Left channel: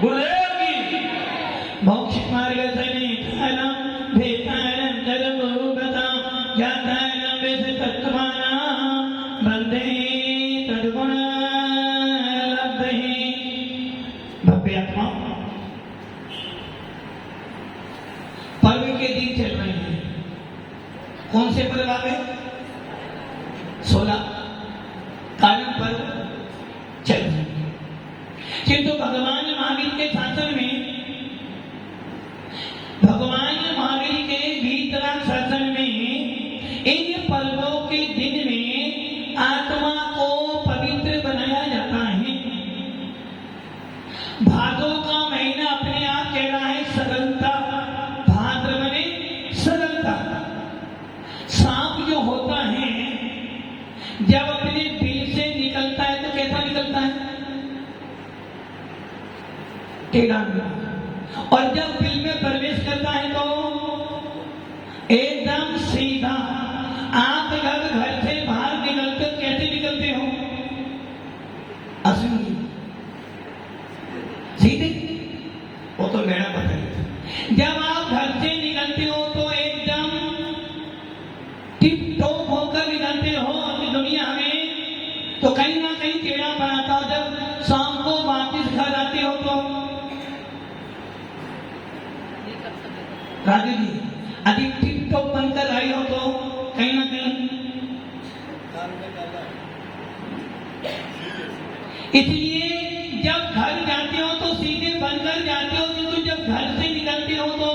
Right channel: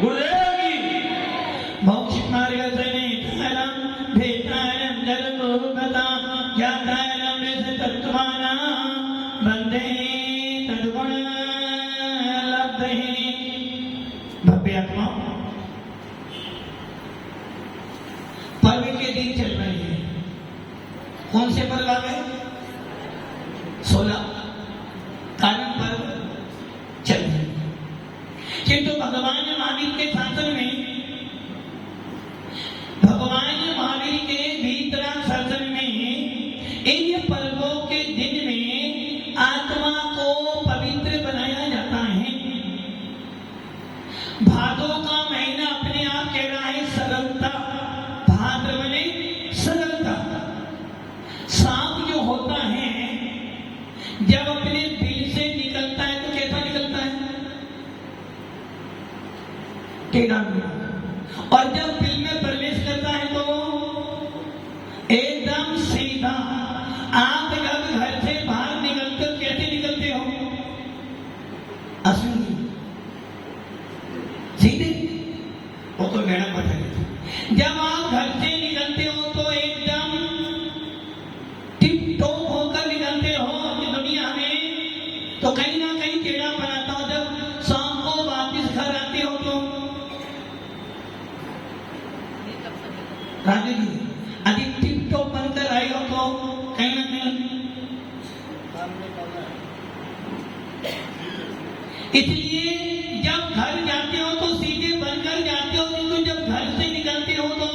गुलेगी मोक्ष मार्ग से नेतारम भेतारम जरूरता जातारम वैसे तत्वाना बंदे तद्गुण लब्धहि। भव्य आत्मा पर्व के दिन चल रहे हैं। कौन से पर्व आ गए? 16 कारण पर्व चल रहे हैं। किंतु भगवान महावीर के शासन में, भगवान महावीर के भीतराग शासन में इन पर्वों के दिन में आत्मा को पवित्र बनाया जाता है। भादों का महीना अपने आप कह रहा है सरलता। भाद्र माने सरलता। सांप जो होता है जब अपने बिल से निकलता है तो कैसा निकलता है? टेढ़ा मेढ़ा। और जब बिल में प्रवेश करता है तो एकदम सीधा। आप जब घर से बाहर निकलते हो कैसे निकलते हो? असली सीधे। वो तो मेरा पता है। जब आप घर से निकलते हो तो एकदम टिप टॉप होकर निकलते हो अपनी दुनिया में, तो कहीं ना कहीं टेढ़ा बनाता हो। जब शाम को वापस घर आते हो तो राजू जी अधिक टिप टॉप बनकर आए हो तो कहीं ना कहीं, इसलिए जब घर जाते हो तो सीधे बनकर जाते हो, किंतु जब घर से निकलते हो तो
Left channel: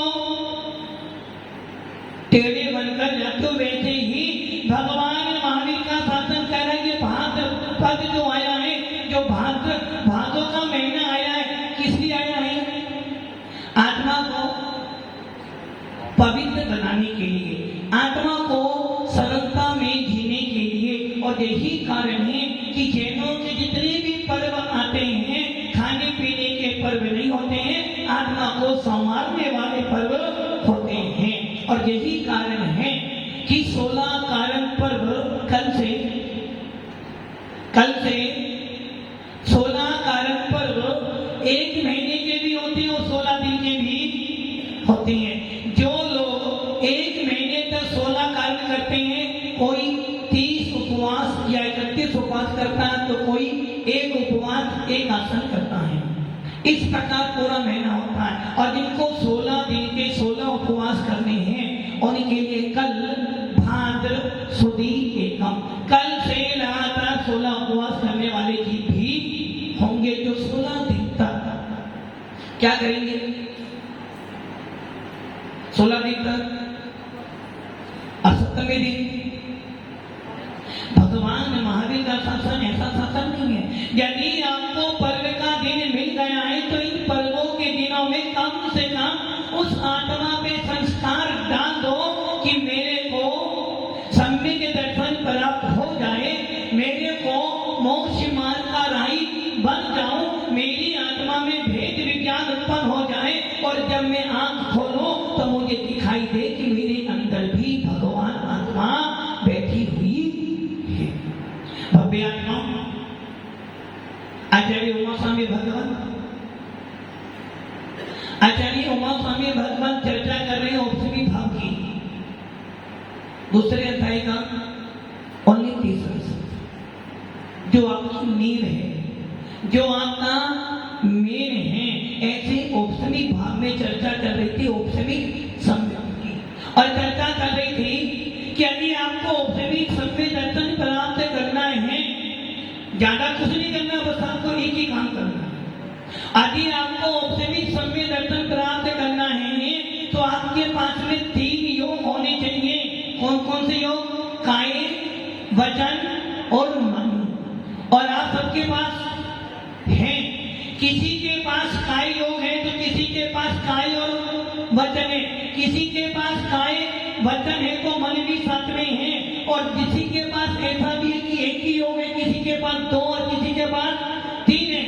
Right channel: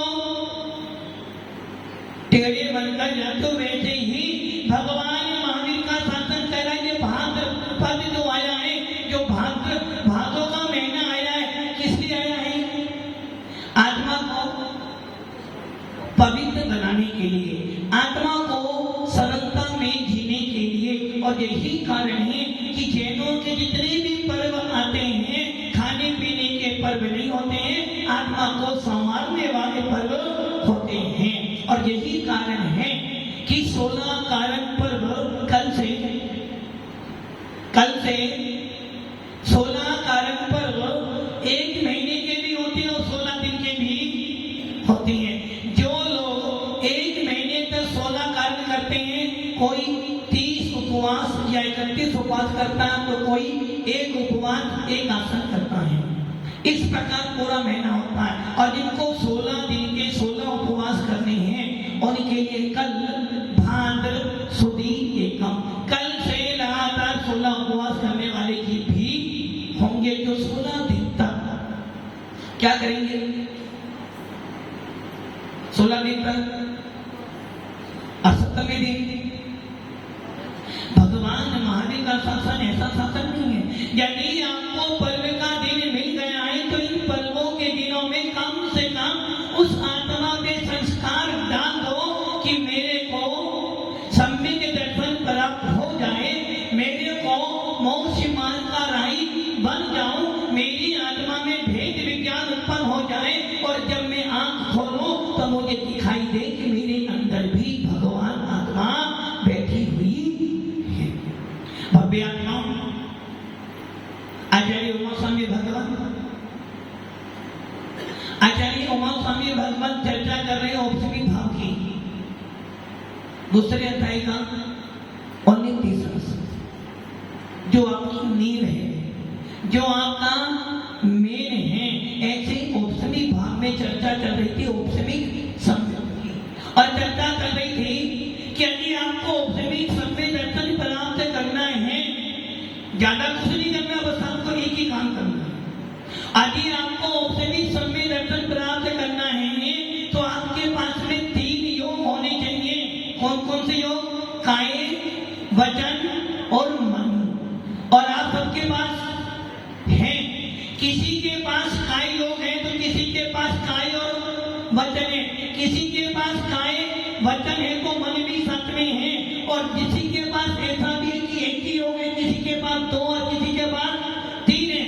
टेढ़े बनकर जाते हो। वैसे ही भगवान महावीर का शासन कर रहा है। ये भाद्र पद जो आया है, जो भादों का महीना आया है, किस लिए आया है? आत्मा को पवित्र बनाने के लिए, आत्मा को सरलता में जीने के लिए। और यही कारण है कि जैनों के जितने भी पर्व आते हैं खाने पीने के पर्व नहीं होते हैं, आत्मा को संवारने वाले पर्व होते हैं। और यही कारण है कि 16 कारण पर्व कल से 16 कारण पर्व 1 महीने के भी होते हैं और 16 दिन के भी होते हैं। जो लोग 1 महीने तक 16 कारण करते हैं, कोई 30 उपवास या 31 उपवास करता है, तो कोई 1 उपवास 1 आसन करता है। इस प्रकार पूरा महीना होता है। और जिनको 16 दिन के 16 उपवास करने हैं उनके लिए कल भाद्र सुदी एकम, कल से लगातार 16 उपवास करने वाले जी भी होंगे, जो 16 दिन तक क्या करेंगे? 16 दिन तक। और 17वें दिन भगवान महावीर का शासन ऐसा शासन नहीं है। यदि आपको पर्व का दिन मिल गया है तो इन पर्वों के दिनों में कम से कम उस आत्मा में संस्कार डाल दो कि मेरे को सम्यक दर्शन प्राप्त हो जाए, मेरे को मोक्ष मार्ग का राही बन जाऊं, मेरी आत्मा में भेद विज्ञान उत्पन्न हो जाए, और जब मैं आंख खोलूं तो मुझे दिखाई दे कि मेरे अंदर भी भगवान आत्मा बैठी हुई है। भव्य आत्मा आचार्य उमा स्वामी भगवान चर्चा कर रहे हैं औपनिवेशिक भाव की दूसरे अध्याय का 19-30 जो आपकी नींव है, जो आपका मेन है। ऐसे औपनिवेशिक भाव में चर्चा कर रही थी औपनिवेशिक संवेद की, और चर्चा कर रही थी कि यदि आपको औपनिवेशिक संवेद दर्शन प्राप्त करना है, ज्यादा कुछ नहीं करना, बस आपको एक ही काम करना है। यदि आपको औपनिवेशिक संवेद दर्शन प्राप्त करना है तो आपके पास में 3 योग होने चाहिए। कौन कौन से योग? काय, वचन और मन। और आप सबके पास है। किसी के पास काय योग है तो किसी के पास काय और वचन है, किसी के पास काय वचन है तो मन भी साथ में है, और किसी के पास ऐसा भी है कि एक ही योग है, किसी के पास 2 और किसी के पास 3 है।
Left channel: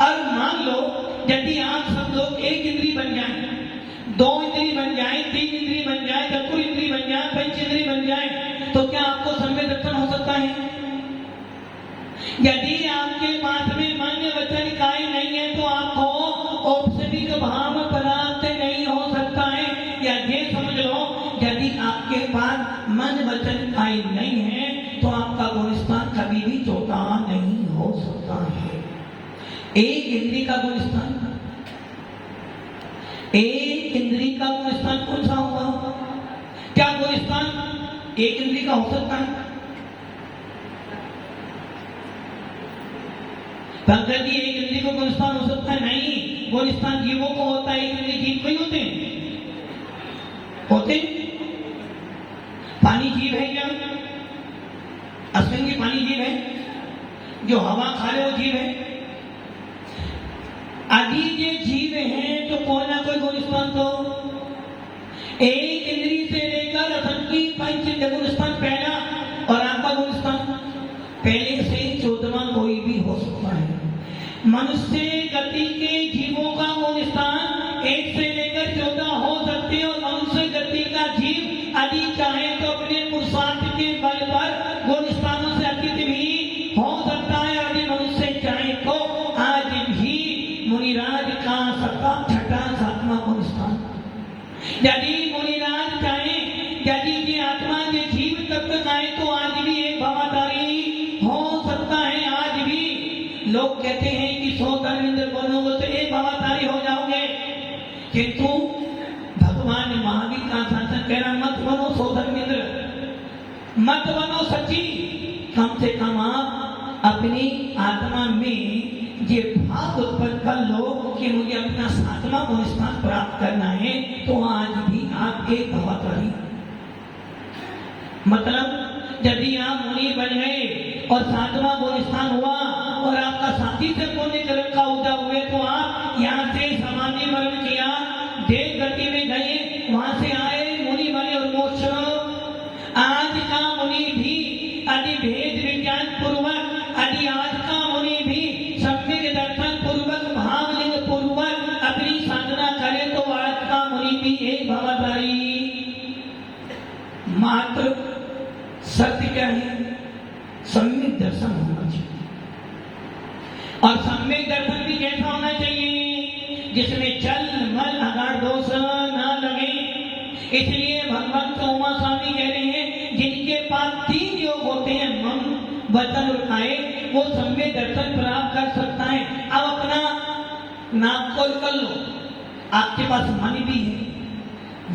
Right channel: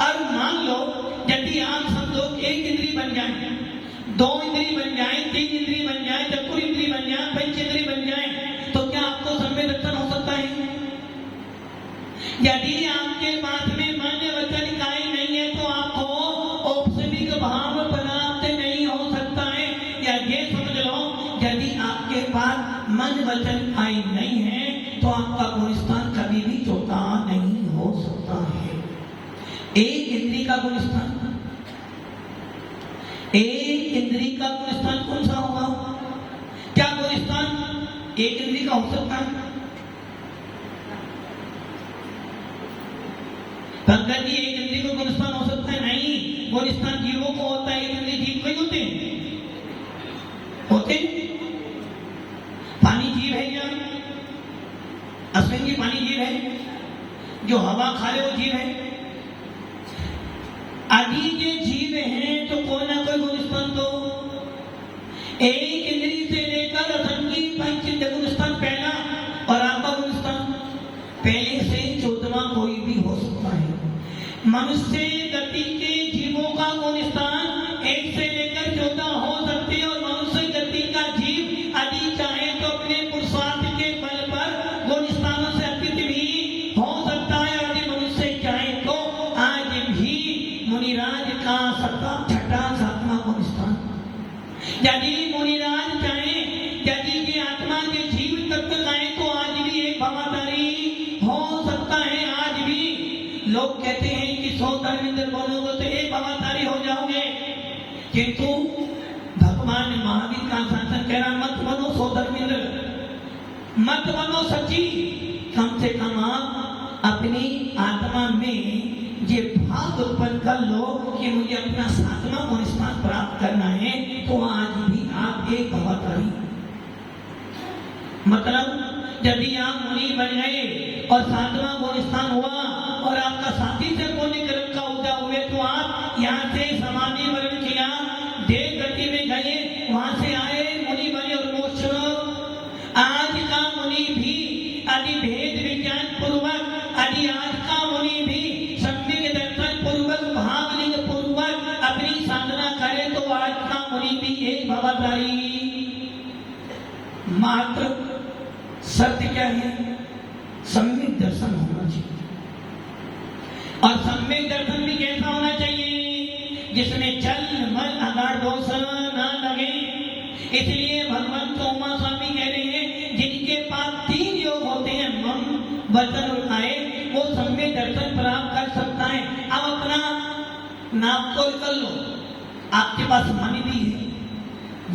और मान लो यदि आप सब लोग एक इंद्री बन जाए, 2 इंद्री बन जाए, 3 इंद्री बन जाए, चतुर इंद्री बन जाए, पंच इंद्री बन जाए, तो क्या आपको सम्यक दर्शन हो सकता है? यदि आपके पास में मन वचन काय नहीं है तो आपको एक इंद्री का गुणस्थान कौन सा होगा? क्या गुणस्थान एक इंद्री का हो सकता है? पंकज जी, एक इंद्री को गुणस्थान हो सकता है? नहीं, गुणस्थान जीवों को होता है, एक इंद्री जीव को ही होते होते। पानी जीव है क्या? अश्विन जी, पानी जीव है? जो हवा खा रहे वो जीव है? आदि के जीव हैं तो कोई ना कोई गुणस्थान तो एक इंद्री से लेकर रतन की पंच गुणस्थान पहला और आपका गुणस्थान पहले से 14वां कोई भी हो सकता है। मनुष्य गति के जीवों का गुणस्थान 1 से लेकर 14 हो सकते हैं और मनुष्य गति का जीव यदि चाहे तो अपने पुरुषार्थ के बल पर गुणस्थानों से अतीत भी हो सकता है। यदि मनुष्य चाहे तो आज भी मुनिराज का छठा 7वां गुणस्थान, यदि मुनिराज चाहे, यदि की आत्मा के जीव तत्व चाहे तो आज भी एक भवाधारी हो सकता है। आज भी लोग कहते हैं कि 100 धर्मेंद्र बनोगे तो एक भवाधारी हो जाओगे, किंतु भगवान महावीर का शासन कह रहा मत बनो 100 धर्मेंद्र, मत बनो सची। कम से कम आप अपनी आत्मा में ये भाव उत्पन्न कर लो कि मुझे अपना 7वां गुणस्थान प्राप्त करना है, तो आज भी आप एक भवाधारी। मतलब यदि आप मुनि बन गए और 7वां गुणस्थान हुआ और आपका साथी से पुण्य कर्म का उदय हुए, तो आप यहाँ से समाधि वर्ण किया, देव गति में गए, वहां से आए, मुनि बने और मोक्ष। आज का मुनि भी यदि भेद विज्ञान पूर्वक, यदि आज का मुनि भी सम्यक दर्शन पूर्वक, भावलिंग पूर्वक अपनी साधना करे, तो आज का मुनि भी एक भवाधारी। मात्र सत्य क्या है? सम्यक दर्शन होना चाहिए। और सम्यक दर्शन भी कैसा होना चाहिए? जिसमें चल मल अगाड़ दोष ना लगे। इसलिए भगवान तो उमा स्वामी कह रहे हैं जिनके पास 3 योग होते हैं, मन वचन और काया, वो सम्यक दर्शन प्राप्त कर सकता है। अब अपना नाक को कर लो, आपके पास वाणी भी है,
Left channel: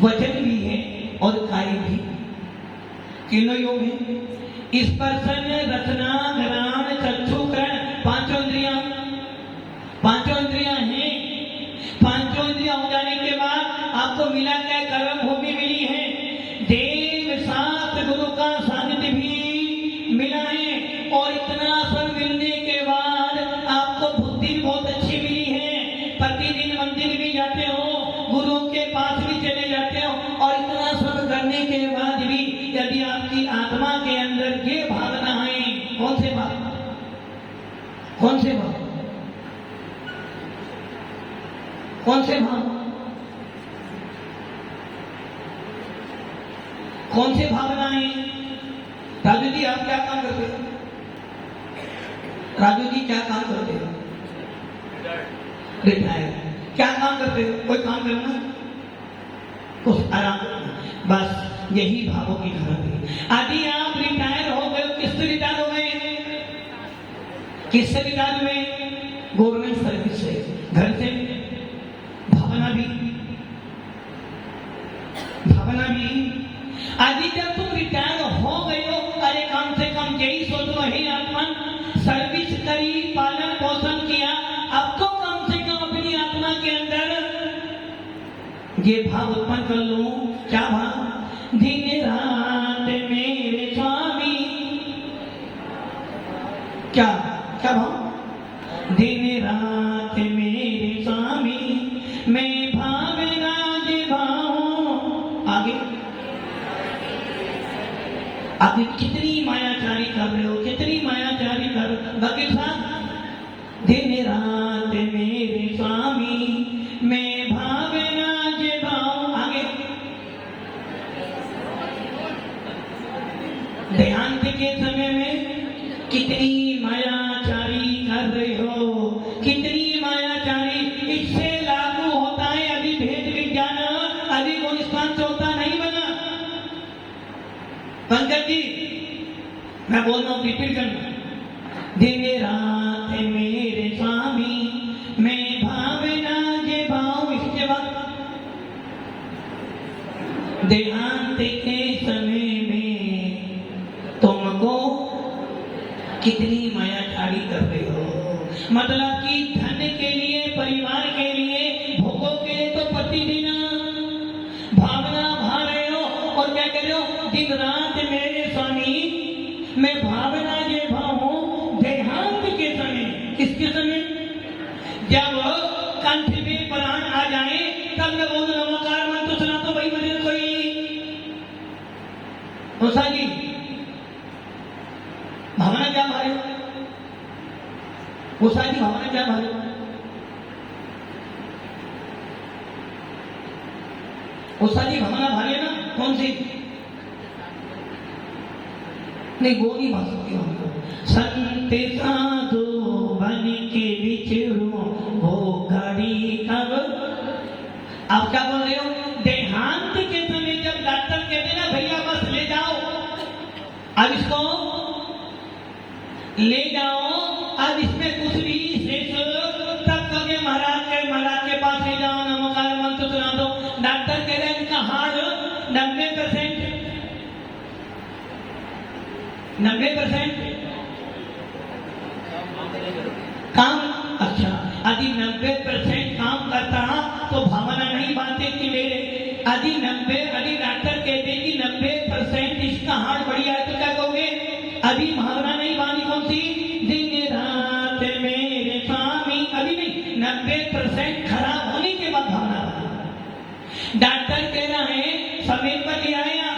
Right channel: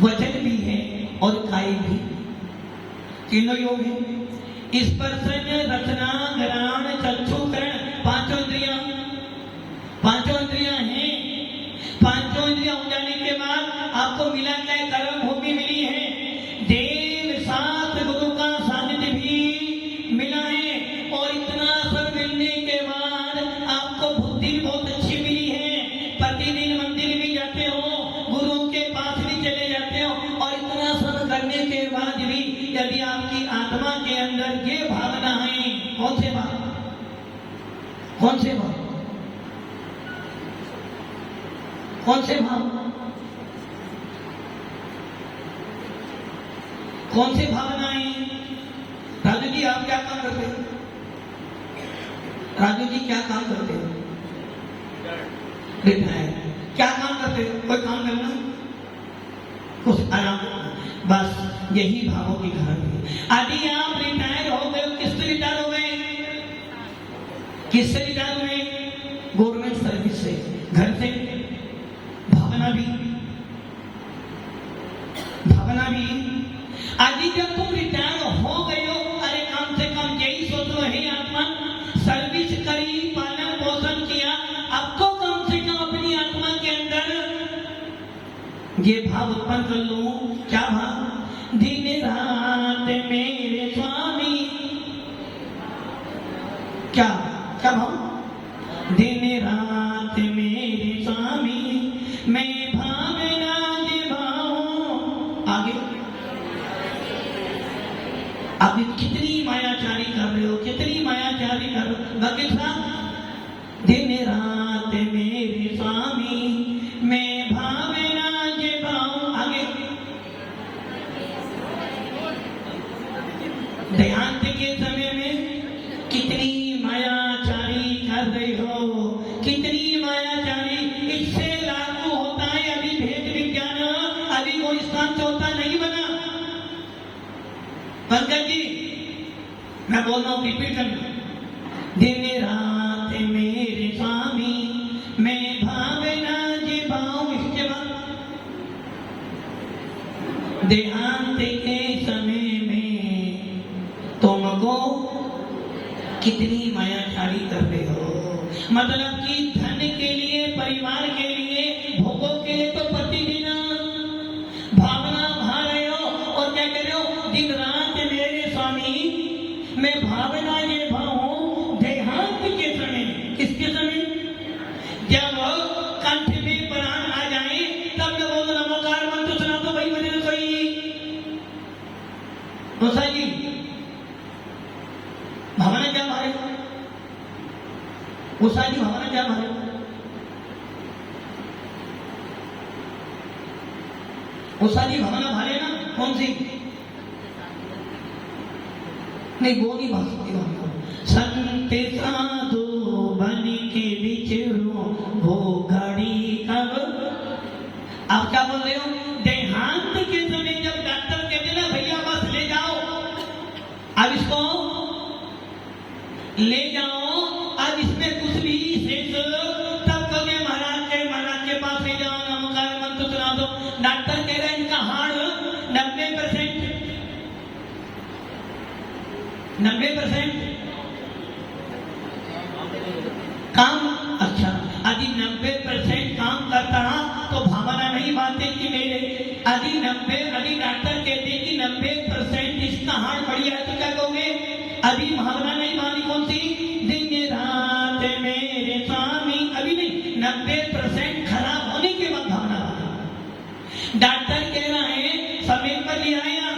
वचन भी है और काय भी, तीनों योग है। स्पर्शन रचना घ्राण चक्षु करण, पांचों इंद्रियां हैं। पांचों इंद्रियां हो जाने के बाद आपको मिला क्या? कर्म भूमि मिली है, देव साथ गुरु का सानिध्य भी मिला है, और इतना सब मिलने के बाद आपको बुद्धि बहुत अच्छी मिली है। प्रतिदिन मंदिर भी जाते हो, गुरुओं के पास भी चले जाते हो, और इतना सब करने के बाद भी यदि आपकी आत्मा के अंदर ये भावना है, कौन से भाव? कौन से भाव? कौन से भाव? कौन से भावनाएं? राजू जी, आप क्या काम करते हो? राजू जी, क्या काम करते हो? रिटायर। क्या काम करते हो? कोई काम करना, कुछ आराम करना, बस यही भावों की धर्म है। यदि आप रिटायर हो गए, किससे रिटायर हो गए? किससे रिटायर हुए? गवर्नमेंट सर्विस से, घर से। भावना भी यदि जब तुम रिटायर हो गए हो, अरे कम से कम यही सोच लो, हे आत्मा, सर्विस करी, पालन पोषण किया, अब तो कम से कम अपनी आत्मा के अंदर ये भाव उत्पन्न कर लो। क्या भाव? दिन रात मेरे स्वामी, क्या क्या भाव? दिन रात मेरे स्वामी, मैं भावना निभाऊं। आगे आप कितनी मायाचारी कर रहे हो, कितनी मायाचारी कर रहे हो। भगत साहब, दिन रात मेरे स्वामी, मैं भावना निभाऊं। आगे देहांत के समय में कितनी मायाचारी कर रहे हो, कितनी मायाचारी। इससे लागू होता है अभी भेद विज्ञान, अभी गुणस्थान चौथा नहीं बना। पंकज जी, मैं बोल रहा हूं, रिपीट करना। दिन रात मेरे स्वामी, मैं भावना निभाऊं। इसके बाद कंठ में प्राण आ जाए तब न बोलो नमोकार मंत्र सुना तो वही बने कोई। दोसा जी भावना क्या मारे, दोसा जी भावना क्या मारे, दोसा जी भावना भारे ना कौन सी, नहीं वो नहीं भाग सकती हमको। संत साधु बन के विचरो वो गाड़ी कब, आप क्या बोल रहे हो, देहांत के समय जब डॉक्टर कहते ना भैया बस ले जाओ, अब इसको ले जाओ, अब इसमें कुछ भी शेष तब कहोगे महाराज के पास ले जाओ नमोकार मंत्र सुना दो। डॉक्टर कह रहे हैं इनका हार्ट 90% काम, अच्छा यदि 90% काम करता तो भावना नहीं बांधते कि मेरे यदि डॉक्टर कहते कि 90% इसका हार्ट बढ़िया है तो क्या कहोगे, अभी भावना नहीं बांधी कौन सी, दिन रात मेरे स्वामी, अभी नहीं 90% खराब होने के बाद भावना। डॉक्टर कह रहा है समय पर ले आया,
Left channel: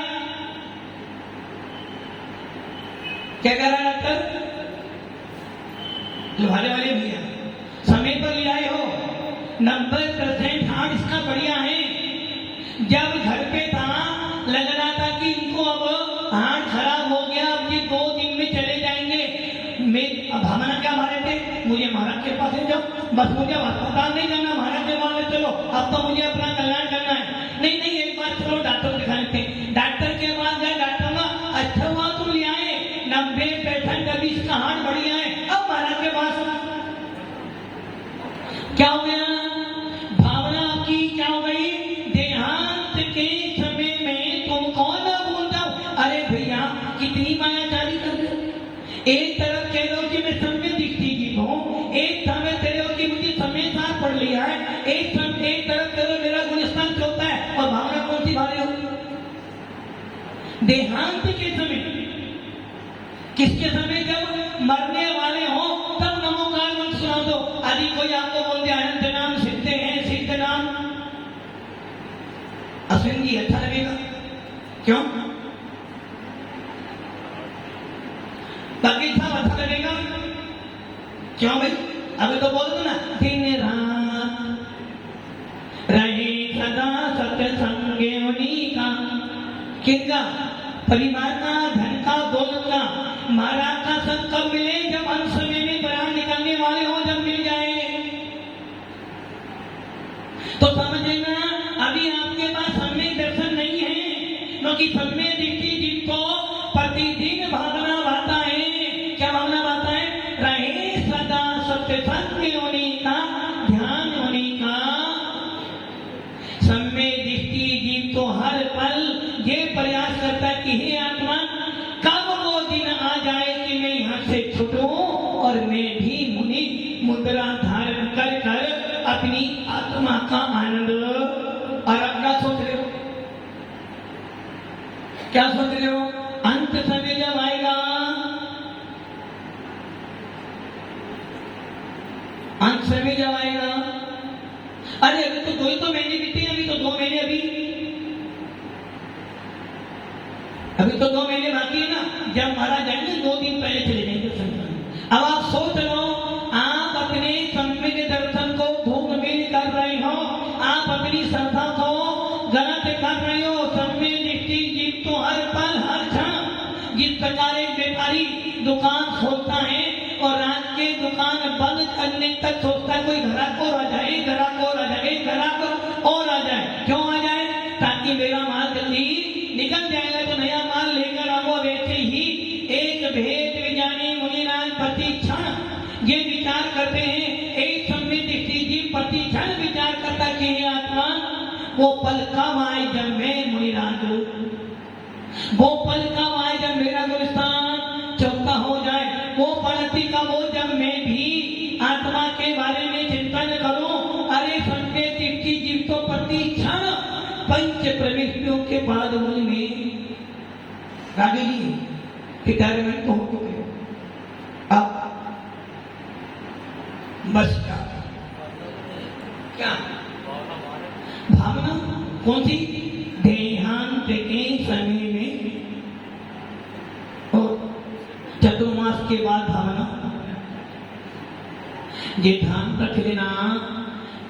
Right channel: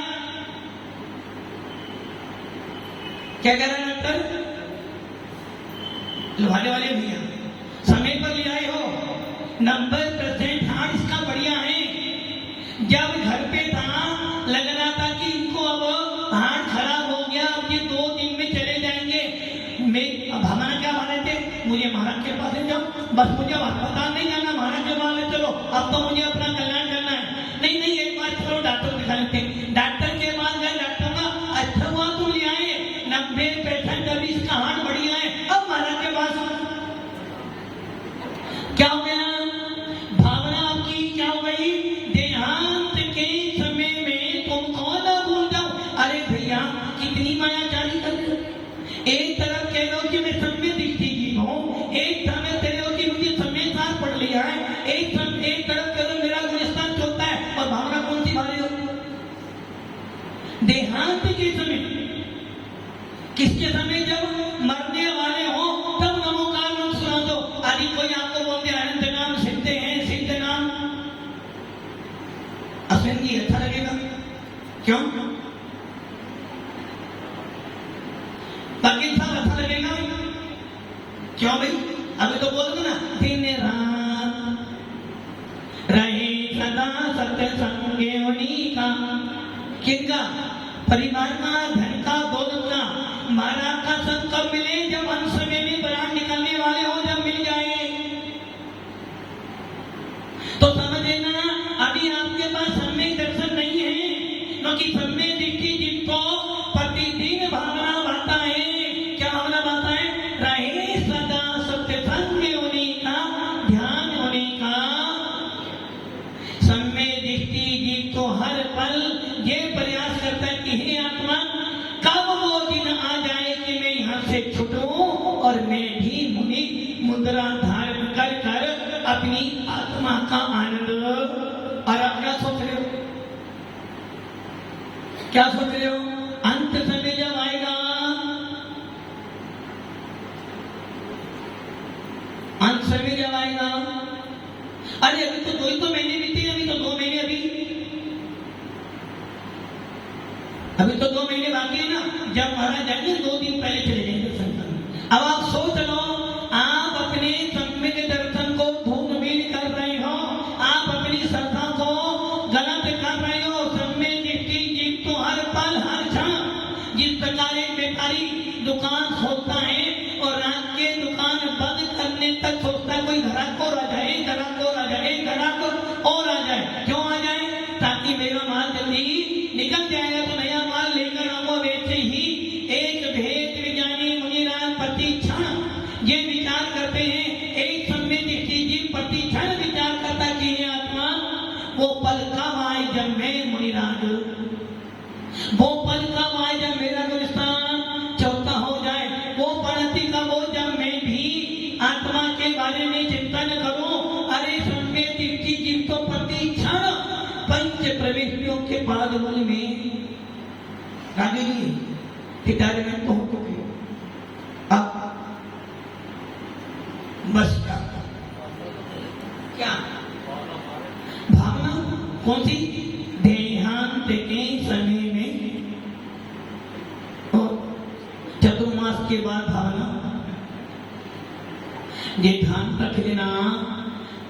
क्या कह रहा है डॉक्टर, लुभाने वाले भैया समय पर ले आए हो, 90% हार्ट इसका बढ़िया है। जब घर पे था लग रहा था कि इनको अब हार्ट खराब हो गया, अब ये 2 दिन में चले जाएंगे। भावना क्या मारे थे, मुझे महाराज के पास ले जाओ, बस मुझे अस्पताल नहीं जाना, महाराज के पास ले चलो, अब तो मुझे अपना कल्याण करना है। नहीं एक बार चलो डॉक्टर दिखा लेते, डॉक्टर के पास गए, डॉक्टर का अच्छा हुआ तुम ले आए, 90% अभी इसका हार्ट बढ़िया है, अब महाराज के पास क्या हो गया, भावना आपकी क्या हो गई, देहांत के समय में तुम कौन ना भूल जाओ। अरे भैया कितनी मायाचारी कर रहे हो, एक तरफ कह रहे हो कि मैं समय दिखती जीव हूँ, एक समय कह रहे हो कि मुझे समय साथ पढ़ लिया है, एक तरफ कह रहे हो मेरा गुलिस्तान चलता है, और भावना कौन सी भारे हो, देहांत के समय, किसके समय, जब मरने वाले हो तब नमोकार मंत्र सुना दो। यदि कोई आपको बोल दिया अनंत नाम सिद्ध है, सिद्ध नाम, अश्विन जी अच्छा लगेगा क्यों, वकील साहब अच्छा लगेगा क्यों भाई, अभी तो बोल दो ना, दिन रात रहे सदा सत्संग उन्हीं का, किसका, परिवार का, धन का, दौलत का, महाराज का सब कब मिले, जब अंत समय में प्राण निकलने वाले हो, जब मिल जाए तो समझ लेना अभी आपके पास समय दर्शन नहीं है, क्योंकि समय दिखती जिनको प्रतिदिन भावना बाता है, क्या भावना बाता है, रहे सदा सत्संग होने का, ध्यान होने का। समय दिखती जीव तो हर पल ये प्रयास करता है कि हे आत्मा कब वो दिन आ जाए कि मैं यहाँ से छूटूं और मैं भी मुनि मुद्रा धारण कर कर अपनी आत्मा का आनंद। और आप क्या सोच रहे हो, क्या सोच रहे हो, अंत समय जब आएगा, अंत समय जब आएगा, अरे अभी तो 2 महीने बीते, अभी तो 2 महीने, अभी तो 2 महीने बाकी है ना, जब महाराज जाएंगे 2 दिन पहले चले जाएंगे दर्शन। अब आप सोच लो, आप अपने सम्यक दर्शन को धूम में निकाल रहे हो, आप अपनी श्रद्धा को गलत कर रहे हो। सम्यक दृष्टि जीव तो हर पल हर क्षण, जिस प्रकार एक व्यापारी दुकान खोलता है और रात के दुकान बंद करने तक सोचता है कोई ग्राहक और आ जाए, ग्राहक और आ जाए, ग्राहक और आ जाए, क्यों आ जाए, ताकि मेरा माल जल्दी निकल जाएगा तो नया माल लेकर आओ। वैसे ही एक भेद विज्ञानी मुनिराज प्रतिक्षण ये विचार करते हैं, एक समय दृष्टि जीव प्रतिक्षण विचार करता कि हे आत्मा वो पल कब आए जब मैं मुनिराज हूं, वो पल कब आए जब मेरा गुलिस्तान चौथा हो जाए, वो पड़ती का वो जब मैं भी आत्मा के बारे में चिंतन करूं। अरे समय दृष्टि जीव तो प्रतिक्षण पंच प्रविष्टियों के बाद में राजे जी रिटायरमेंट हो चुके, अब बस क्या? भावना कौन सी? देहांत के समय में तो चतुर्मास के बाद भावना ये ध्यान रख लेना।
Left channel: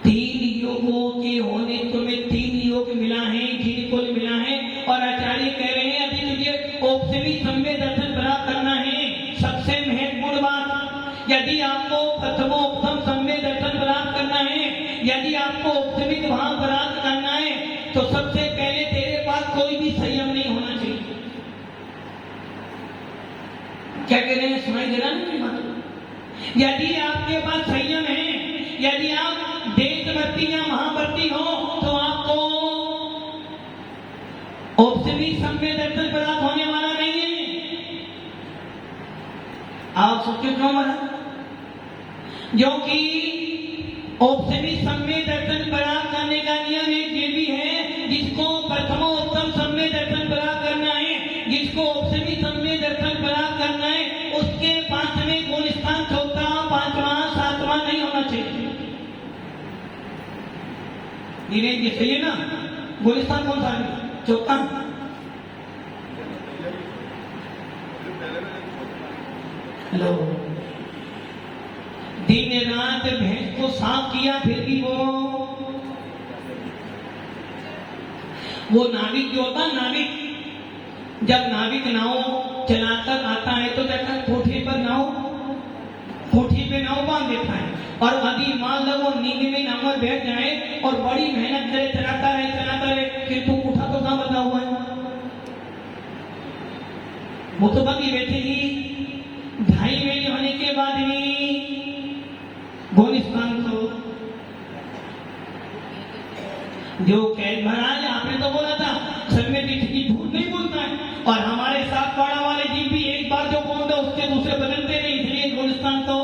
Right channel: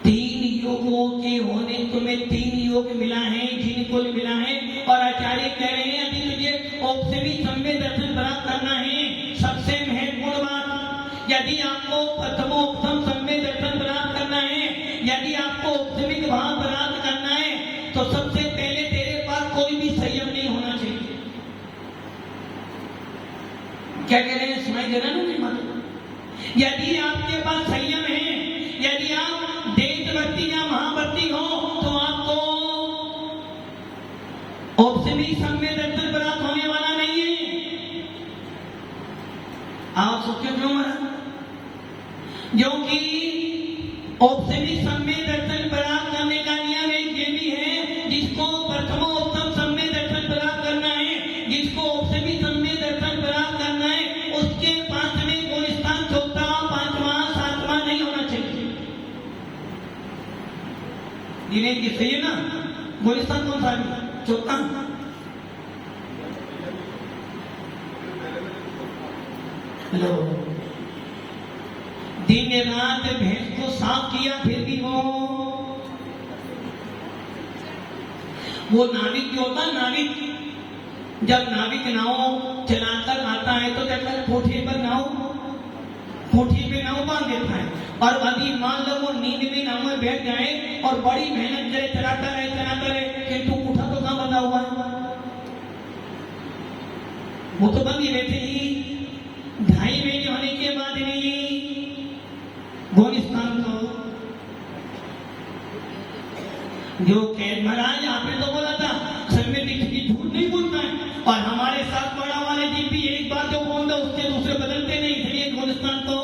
3 योगों के होने तुम्हें 3 योग मिला है, जिनको मिला है। और आचार्य कह रहे हैं यदि तुझे औपसेमी सम्य दर्शन प्राप्त करना है, सबसे महत्वपूर्ण बात, यदि आपको प्रथमोपम सम्य दर्शन प्राप्त करना है, यदि आपको औपसेमिक भाव प्राप्त करना है, तो सबसे पहले तेरे पास कोई भी संयम नहीं होना चाहिए। क्या कह रहे हैं? सुनाई दे रहा है ना? यदि आपके पास संयम है, यदि आप देशवर्ती या महावर्ती हो, तो आपको औपसेमिक सम्य दर्शन प्राप्त होने वाला नहीं है। आप सोचो क्यों महाराज? जो कि औपसेमिक सम्य दर्शन प्राप्त करने का नियम एक ये भी है, जिसको प्रथमोपम सम्य दर्शन प्राप्त करना है, जिसको औपसेमिक सम्य दर्शन प्राप्त करना है, उसके 5वें गुण स्थान चौथा, 5वां, 7वां नहीं होना चाहिए। ये सही है ना? गुण स्थान कौन सा है? चौथा। लो, दिन रात भैंस को साफ किया, फिर भी वो नाविक जो होता है, नाविक जब नाविक नाव चलाकर आता है तो कहता है कोठे पर नाव, कोठी पे नाव बांध देता है। और यदि मान लो वो नींद में नाव में बैठ जाए और बड़ी मेहनत करे, चलाता रहे, किंतु कोठा तो कहाँ बंधा हुआ है? वो तो बंद ही बैठे ही 2.5 महीने होने के बाद भी गुणस्थान को जो कैद महाराज आपने तो बोला था समय की झूठ नहीं बोलता है, और हमारे साथ पढ़ा वाले जी भी एक बार जो बोलते उसके दूसरे बदलते नहीं, इसलिए गुणस्थान को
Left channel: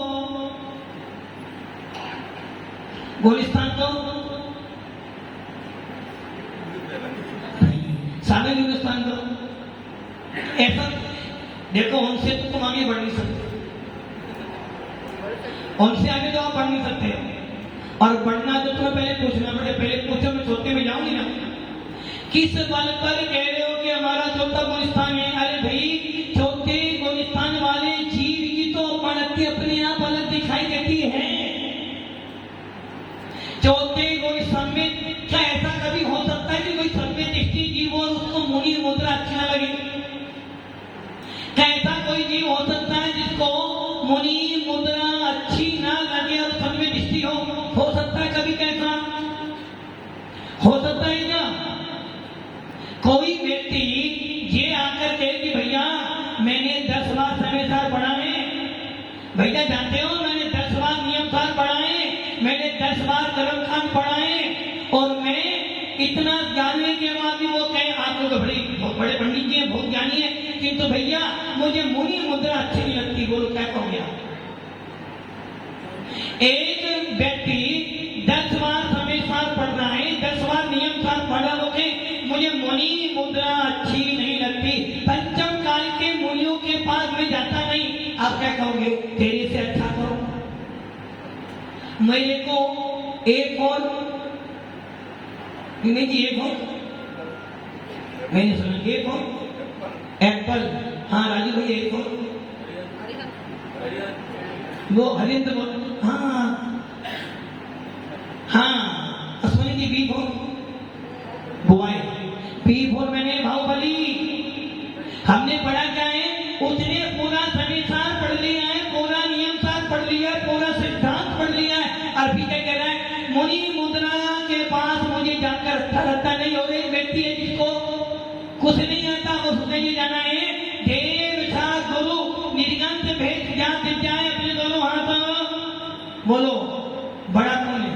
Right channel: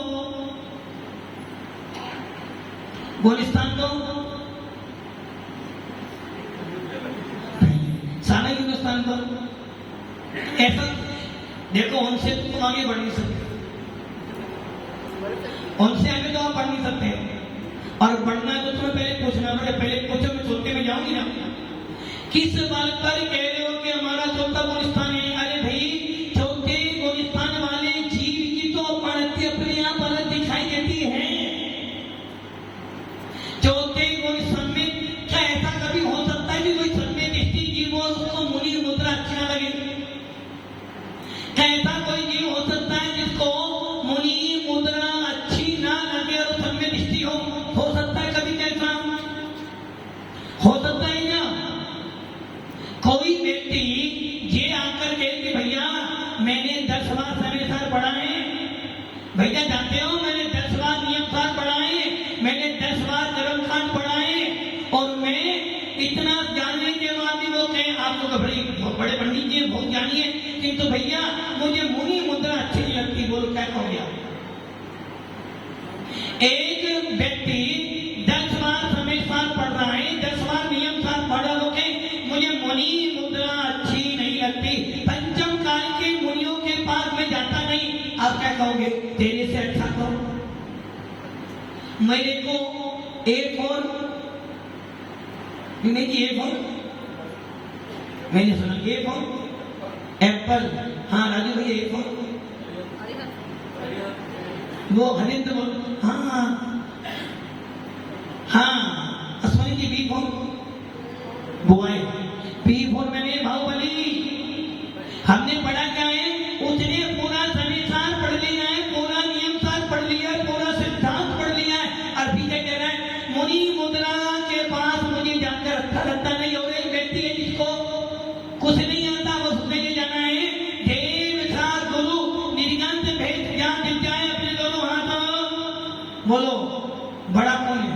सारे गुणस्थान को ऐसा देखो, उनसे तो तुम आगे बढ़ नहीं सकते, उनसे आगे तो आप बढ़ नहीं सकते। और बढ़ना तो तुम्हें पहले पूछना पड़े, पहले पूछो, मैं चौथे में जाऊंगी ना। किस बल पर कह रहे हो कि हमारा चौथा गुणस्थान है? अरे भाई, चौथे गुणस्थान वाले जीव की तो पढ़ती अपने आप अलग दिखाई देती है। चौथे गुणस्थान में क्या ऐसा कभी हो सकता है कि कोई सम्य दृष्टि जीव और उसको मुनि मुद्रा अच्छा लगे? क्या ऐसा कोई जीव हो सकता है जिसको मुनि मुद्रा अच्छी ना लगे और सम्य दृष्टि हो? हो सकता है कभी? कैसा हो सकता है? क्या कोई व्यक्ति ये आकर कहे कि भैया मैंने 10 बार समय सार पढ़ा है, भैया जानते हो मैंने 10 बार नियम सार पढ़ा है, मैंने 10 बार कर्मकांड पढ़ा है, और मैं इतना जानने के बाद भी वो कहे आप लोग बड़े पंडित जी हैं, बहुत ज्ञानी है, किंतु भैया मुझे मुनि मुद्रा अच्छी नहीं लगती। बोलो क्या कहोगे आप? एक व्यक्ति 10 बार समय सार पढ़ रहा है, 10 बार नियम सार पढ़ा, हो के मुझे मुनि मुद्रा अच्छी नहीं लगती, पंचम काल के मुनियों के पास में जाता नहीं, आप क्या कहोगे? तेरे से अच्छा करो मेरे को एक और जी, एक और मैंने सुना, एक और एप्पल, हाँ राजू भैया, एक और वो हरिंद्र, हाँ हाँ अश्विनी की B4 बुआई, B4 मैंने बाहुबली, हमने पढ़ा क्या है? उसने पूरा समय सार पढ़ लिया है, पूरा नियम सार पढ़ लिया है, पूरा सिद्धांत पढ़ लिया है, और फिर क्या कह रहा है? मुनि मुद्रा के पास मुझे जाकर अच्छा लगता नहीं। और एक व्यक्ति है जिसको कुछ नहीं आता, उसने ये जाना है देव सार गुरु निर्गंत भेद ज्ञान विद्याएं अपने दोनों हाथों। बोलो बड़ा कौन है?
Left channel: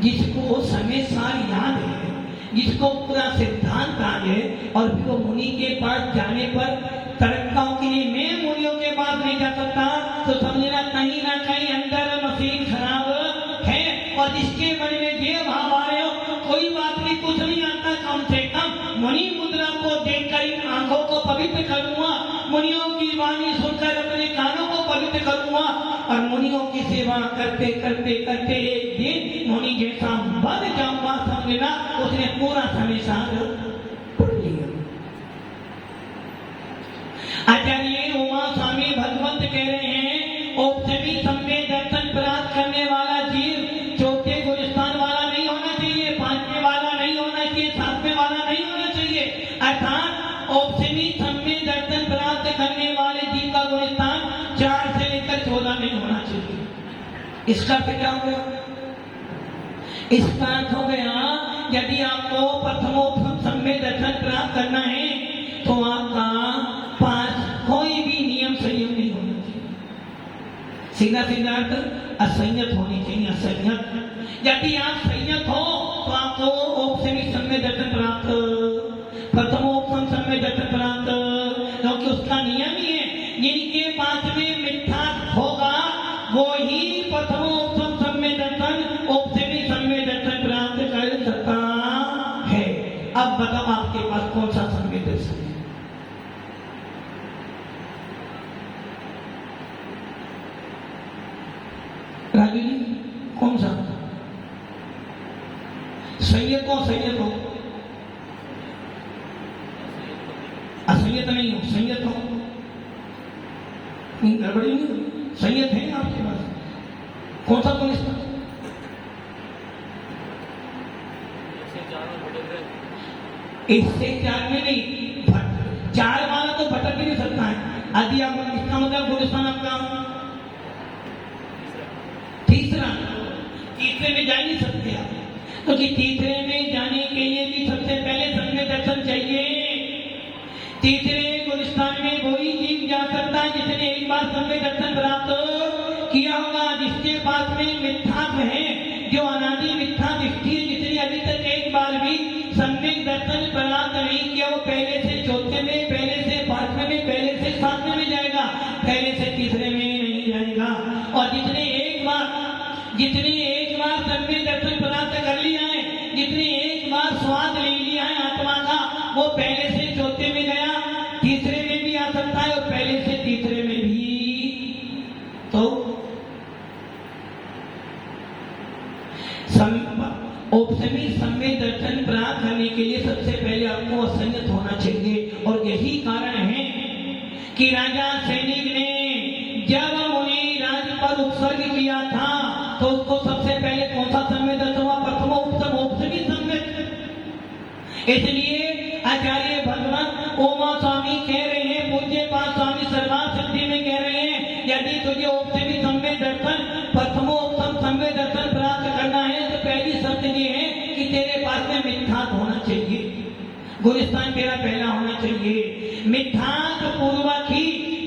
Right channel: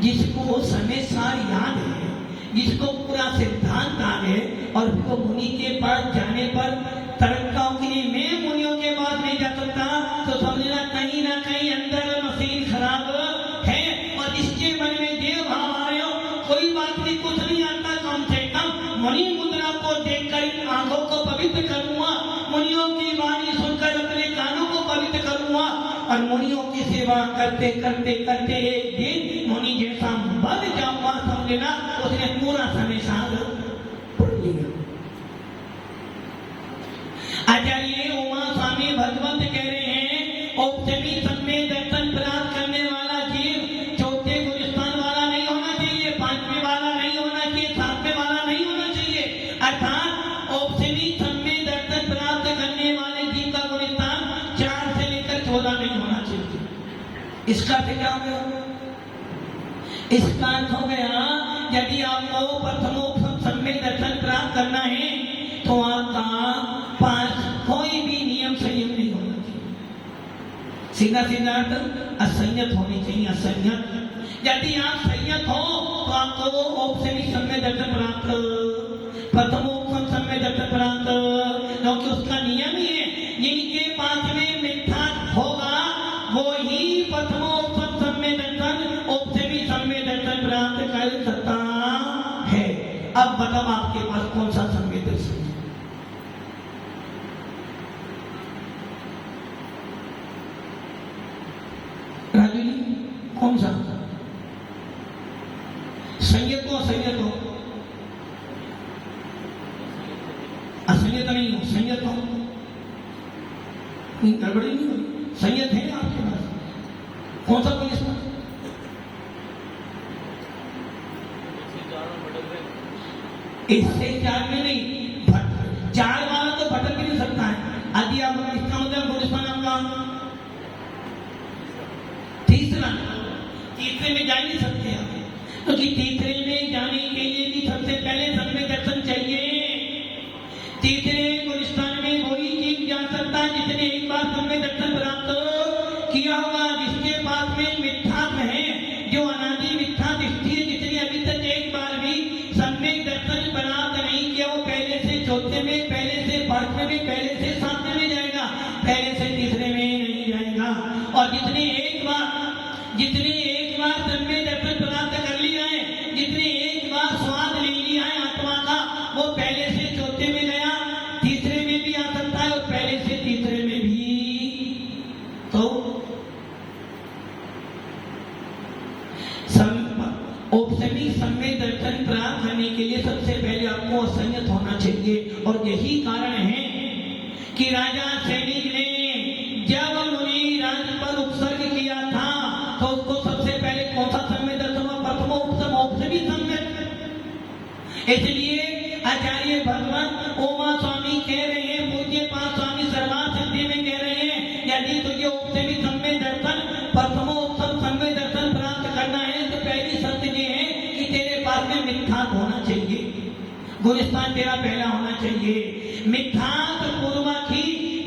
जिसको समय सार याद है, जिसको पूरा सिद्धांत आ गए, और फिर वो मुनि के पास जाने पर तरक्काओं के लिए मैं मुनियों के पास नहीं जा सकता, तो समझना कहीं ना कहीं अंदर मशीन खराब है। और जिसके मन में देव भाव आ रहे हो, कोई बात नहीं, कुछ नहीं आता, कम से कम मुनि मुद्रा को देखकर आंखों को पवित्र करूंगा, मुनियों की वाणी सुनकर अपने कानों को पवित्र करूंगा, और मुनियों की सेवा करते करते करते एक जैसा बन जाऊंगा समझ लेना उसने पूरा समय साथ पढ़ लिया। आचार्य उमा स्वामी भगवंत कह रहे हैं औपचमी सम्य दर्शन प्राप्त करने वाला जीव चौथे गुणस्थान वाला नहीं होना चाहिए, पांचवें वाला नहीं होना चाहिए, सातवें वाला नहीं होना चाहिए। अर्थात औपचमी सम्य दर्शन प्राप्त करने वाले जीव का गुणस्थान 4 से लेकर 14 नहीं होना चाहिए। इसका क्या हो गया? इसका अर्थ हो गया यदि आपको प्रथमोपम सम्य दर्शन प्राप्त करना है तो आपका पास कोई भी नियम संयम नहीं होना चाहिए। सीधा सीधा अर्थ असंयत होनी चाहिए। असंयत यदि आप संयत हो तो आपको औपचमी सम्य दर्शन प्राप्त, प्रथमोपम सम्य दर्शन प्राप्त, क्योंकि उसका नियम ही है जिनके पास में मिथ्या होगा वो ही प्रथमोपम सम्य दर्शन औपचमी सम्य दर्शन प्राप्त कर सकता है। अब बताओ आपके पास कौन सा सम्य दर्शन है? राजू जी कौन सा? संयत हो, संयत हो, असंयत नहीं हो, संयत हो, गड़बड़ी नहीं हो, संयत है आपके पास। कौन सा पुलिस? इससे 4 में नहीं, 4 वाला तो भटक भी नहीं सकता है। यदि आप इसका मतलब गुलिस्तान आपका तीसरे में जा ही नहीं सकते आप, क्योंकि तीसरे में जाने के लिए भी सबसे पहले सम्य दर्शन चाहिए। तीसरे गुलिस्तान में वही जीव जा सकता है जिसने एक बार सम्य दर्शन प्राप्त किया होगा, जिसके पास में मिथ्यात्व है, जो अनादि मिथ्या दृष्टि है, जिसने अभी तक एक बार भी सम्यक दर्शन प्राप्त नहीं किया, वो पहले से चौथे में, पहले से पांचवें में, पहले से सातवें में जाएगा, पहले से तीसरे में नहीं जाएगा। और जितने एक बार सम्यक दर्शन प्राप्त कर लिया है, जितने एक बार स्वाद ले लिया है आत्मा का, वो पहले से चौथे में गया, तीसरे में भी आ सकता है और पहले से तीसरे में भी। तो औपचमी सम्यक दर्शन प्राप्त करने के लिए सबसे पहले आपको असंयत होना चाहिए। और यही कारण है कि राजा सैनिक ने जब मुनि राज पर उत्सर्ग किया था तो उसको सबसे पहले कौन सा सम्यक दर्शन हुआ? प्रथमो उपसम औपचमी सम्यक। इसलिए आचार्य भगवान उमा स्वामी कह रहे हैं, पूज्य पाद स्वामी सर्वार्थ सिद्धि में कह रहे हैं, यदि तुझे औपचमी सम्यक दर्शन, प्रथमो उपसम सम्यक दर्शन प्राप्त करना है तो पहली शर्त ये है कि तेरे पास में मिथ्यात्व होना चाहिए, गुलिस्तान तेरा पहला होना चाहिए। मिथ्यात्व पूर्वक ही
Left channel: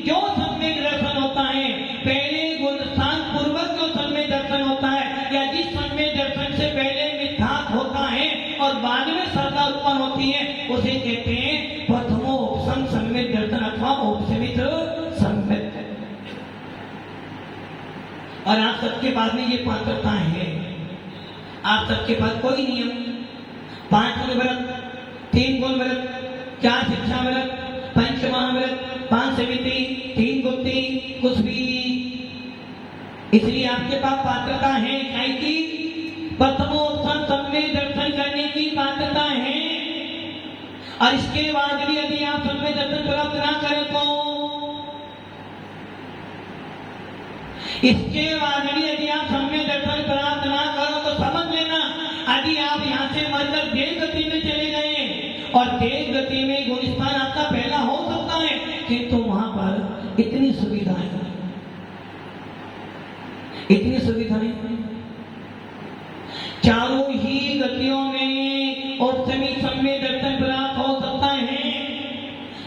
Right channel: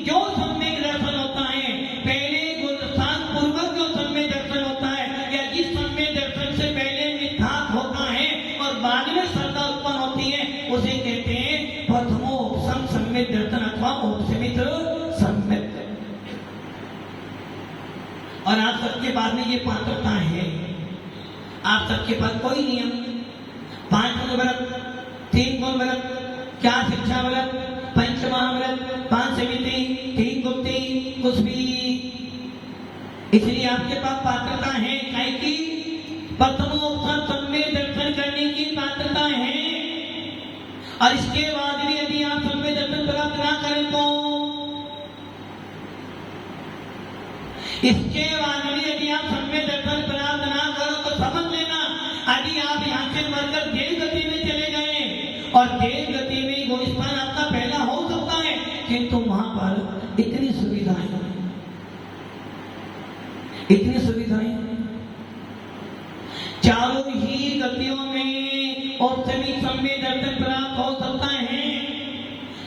जो सम्यक दर्शन होता है, पहले गुलिस्तान पूर्वक जो सम्यक दर्शन होता है, या जिस सम्यक दर्शन से पहले मिथ्यात्व होता है और बाद में श्रद्धा उत्पन्न होती है, उसे कहते हैं प्रथमो उपसम सम्यक दर्शन अथवा औपचमिक सम्यक। और आप सबके पास में ये पात्रता है, आप सबके पास कोई नियम 5 गुण व्रत, 3 गुण व्रत, 4 शिक्षा व्रत, 5 महाव्रत, 5 समिति, 3 गुप्ती कुछ भी, इसलिए आपके पास पात्रता है कि प्रथमोपसम सम्यक दर्शन करने की पात्रता है। और इसके बाद भी यदि आप सम्यक दर्शन प्राप्त ना करें तो, इसके बाद भी यदि आप सम्यक दर्शन प्राप्त ना करो तो समझ लेना, यदि आप यहाँ से मरकर देव गति में चले गए, और देव गति में गुलिस्तान आपका पहला हो सकता है, किंतु वहां पर इतनी सुविधाएं, इतनी सुविधाएं, चारों ही गतियों में औपचमी सम्यक दर्शन प्राप्त हो सकता है।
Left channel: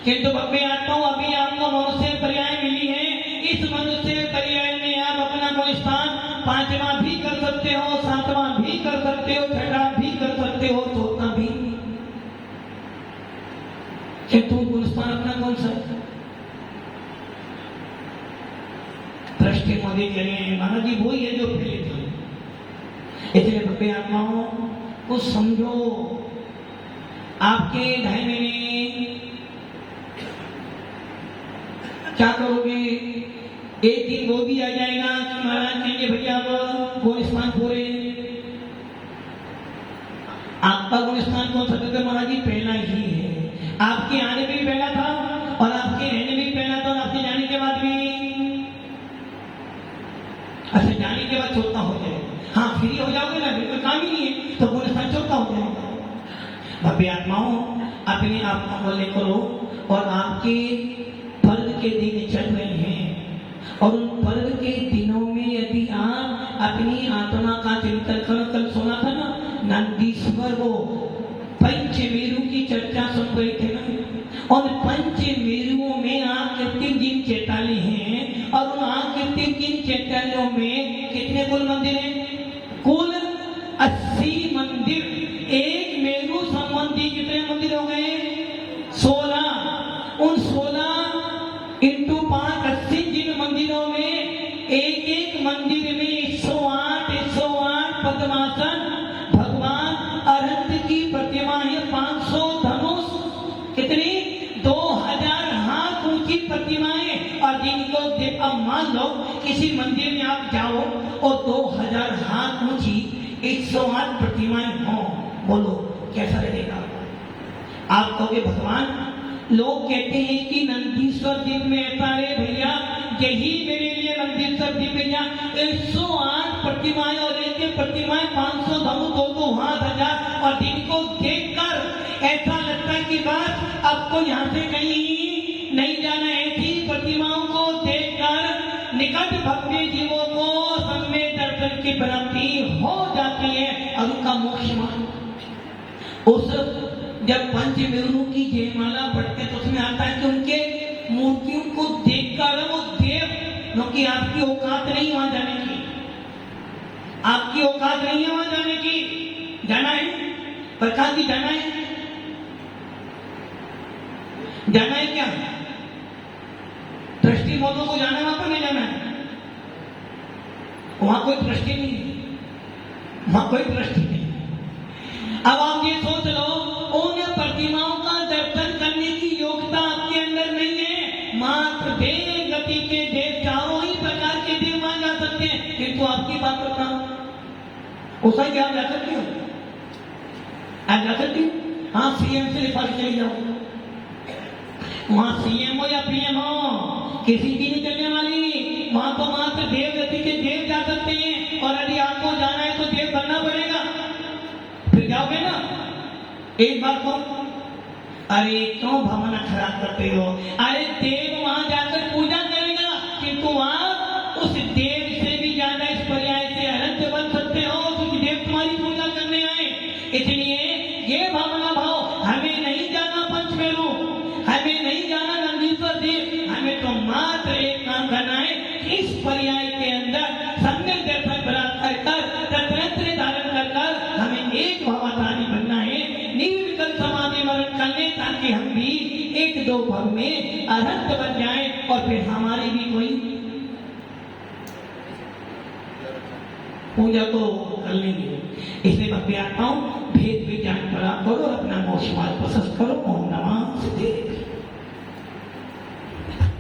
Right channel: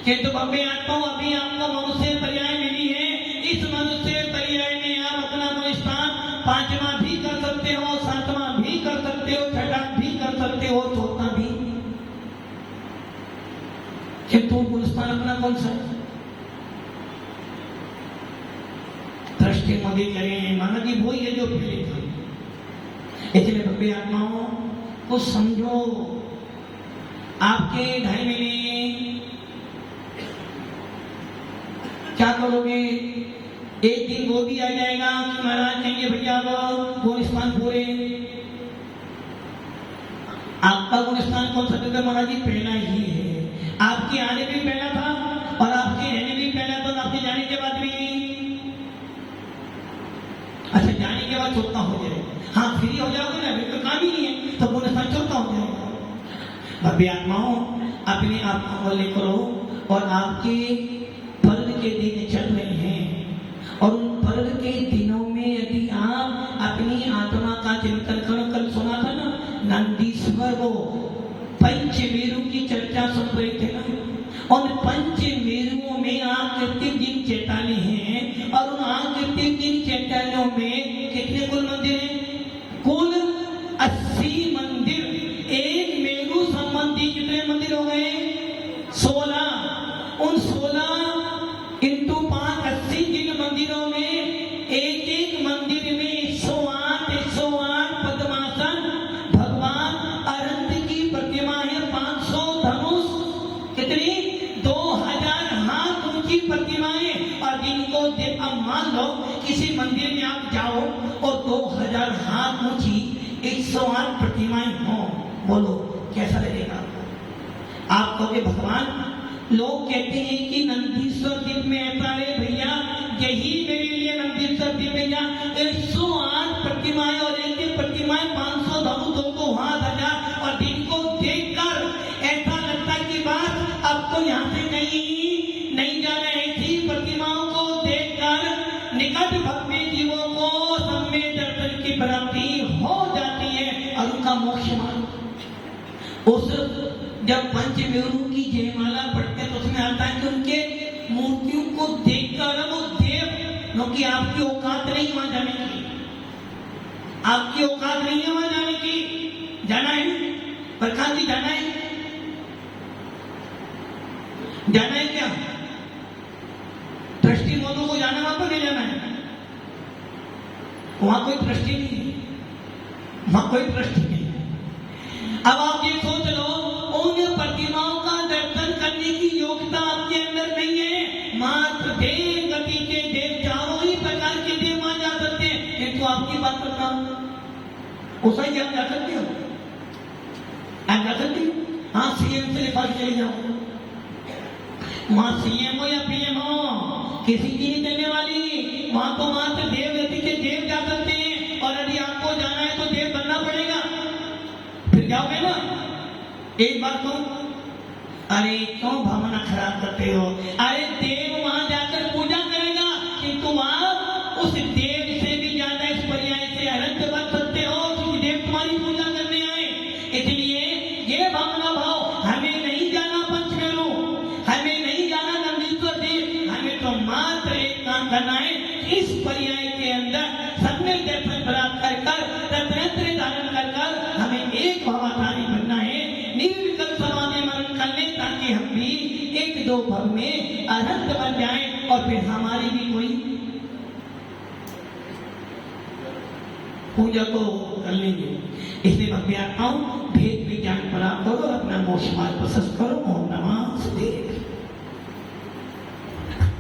किंतु भव्य आत्माओं, अभी आपको मनुष्य पर्याय मिली है, इस मनुष्य पर्याय में आप अपना गुलिस्तान 5वां भी कर सकते हो, 7वां भी कर सकते हो, 6वां भी कर सकते हो, 14वां भी। किंतु गुलिस्तान अपना कौन सा? दृष्टि मोदी करें महाराज जी, वही है जो पहले था। इसलिए भव्य आत्माओं कुछ समझो, आपके 2.5 महीने क्या करोगे? एक दिन वो भी आ जाएगा कि महाराज कहेंगे भैया गुलिस्तान पूरे, अपने आप को अमल करो। और आपके पर्व के दिन चल रहे हैं और उन पर्व के दिनों में यदि आप अपनी आत्मा का चिंतन करो। कल सुना था ना, नंदीश्वर वो पंचमेरु की चर्चा सुन रहे थे ना, और पंचमेरुओं में आप कृत्रिम दिन चैताली हैं और उन आप कृत्रिम दिन चैतालियों में कितने कुल मंदिर हैं? कुल 80 मंदिर। एक मेरु संबंधी कितने मंदिर हो गए? 16। उन 16 इंटू 5 80 जिन मंदिरों में एक एक मंदिर में 108 पद्मासन, भगवान अनंत की प्रतिमा है, 500 धनुष, कितनी 2000 हाथ ऊंची प्रतिमाएं। और जिनको अब मान लो किसी मंदिर में आप जाओ और 2000 हाथ ऊंची 108 प्रतिमाएं हो, बोलो कैसा लगेगा? आप कहोगे भगवान, लोग कहते हैं कि नंदीश्वर दिन में ऐसा है भैया, यही मेरे लिए नंदीश्वर दिन में जा 108 प्रतिमाएं और एक प्रतिमाएं 500 धनु 2 हाथ 1000। और दिन को देखकर ऐसा लगता है कि बात अब तो यहाँ से कहीं नहीं जाना। ऐसी प्रतिमाओं को देखकर निकट भक्ति जीवों को सम्य दर्शन की प्राप्ति हो जाती है और उनका मोक्ष मान। उस जब पंचमेरु की जयमाला पढ़ते तो उसमें आता है कि उनके मूर्तियों को देखकर वो देव, क्योंकि आपकी औकात नहीं वहां जाने की, आपकी औकात नहीं है वहां जाने की। जाना है प्रकाश जी, जाना है, जाना है क्या? दृष्टि मोदों को जाना है, वहां पर नहीं जाना है? वहां कोई दृष्टि नहीं है, वहां कोई दृष्टि नहीं। अब आप ये सोच लो, उन प्रतिमाओं का दर्शन करने की योग्यता आपके अंदर नहीं है। मात्र देव गति के देव, चारों ही प्रकार के देव वहां जा सकते हैं, किंतु आपकी बात करना उसा ही आप जा सकते हो? आप जा सकते हो? हाँ, सीएम से लिखा के चले जाओ, वहां सीएम हो या पीएम हो, किसी की नहीं चलने वाली। वहां तो मात्र देव गति के देव जा सकते हैं। और यदि आपको जाना है तो देव बनना पड़ेगा, फिर जाओगे ना। एक बात को, अरे क्यों भावना खराब करते हो? अरे देव वहां जाकर पूजा करेगा, किंतु आप उस देव से भी ज्यादा इस पर्याय से अनंत बन सकते हो, क्योंकि देव तुम्हारी पूजा करने आए। इसलिए ये भावना भाव, हमें नहीं जाना पंचमेरु, हमें नहीं जाना नंदीश्वर देव, हमें तो मात्र एक काम करना है, इस पर्याय के अंदर सम्य दर्शन प्राप्त कर रत्नत्र धारण कर हमें एक भावाधारी बनना है, निर्विकल्प समाधि मरण करने, ताकि हम भी एक दो भव में अनंत बन जाएं और फिर हमारी भी कोई पूजा तो कर लेंगे। इसलिए भक्ति आत्माओं भेद विज्ञान प्राप्त करो और अपना मोक्ष मार्ग प्रशस्त करो। ओम नमः शिवाय।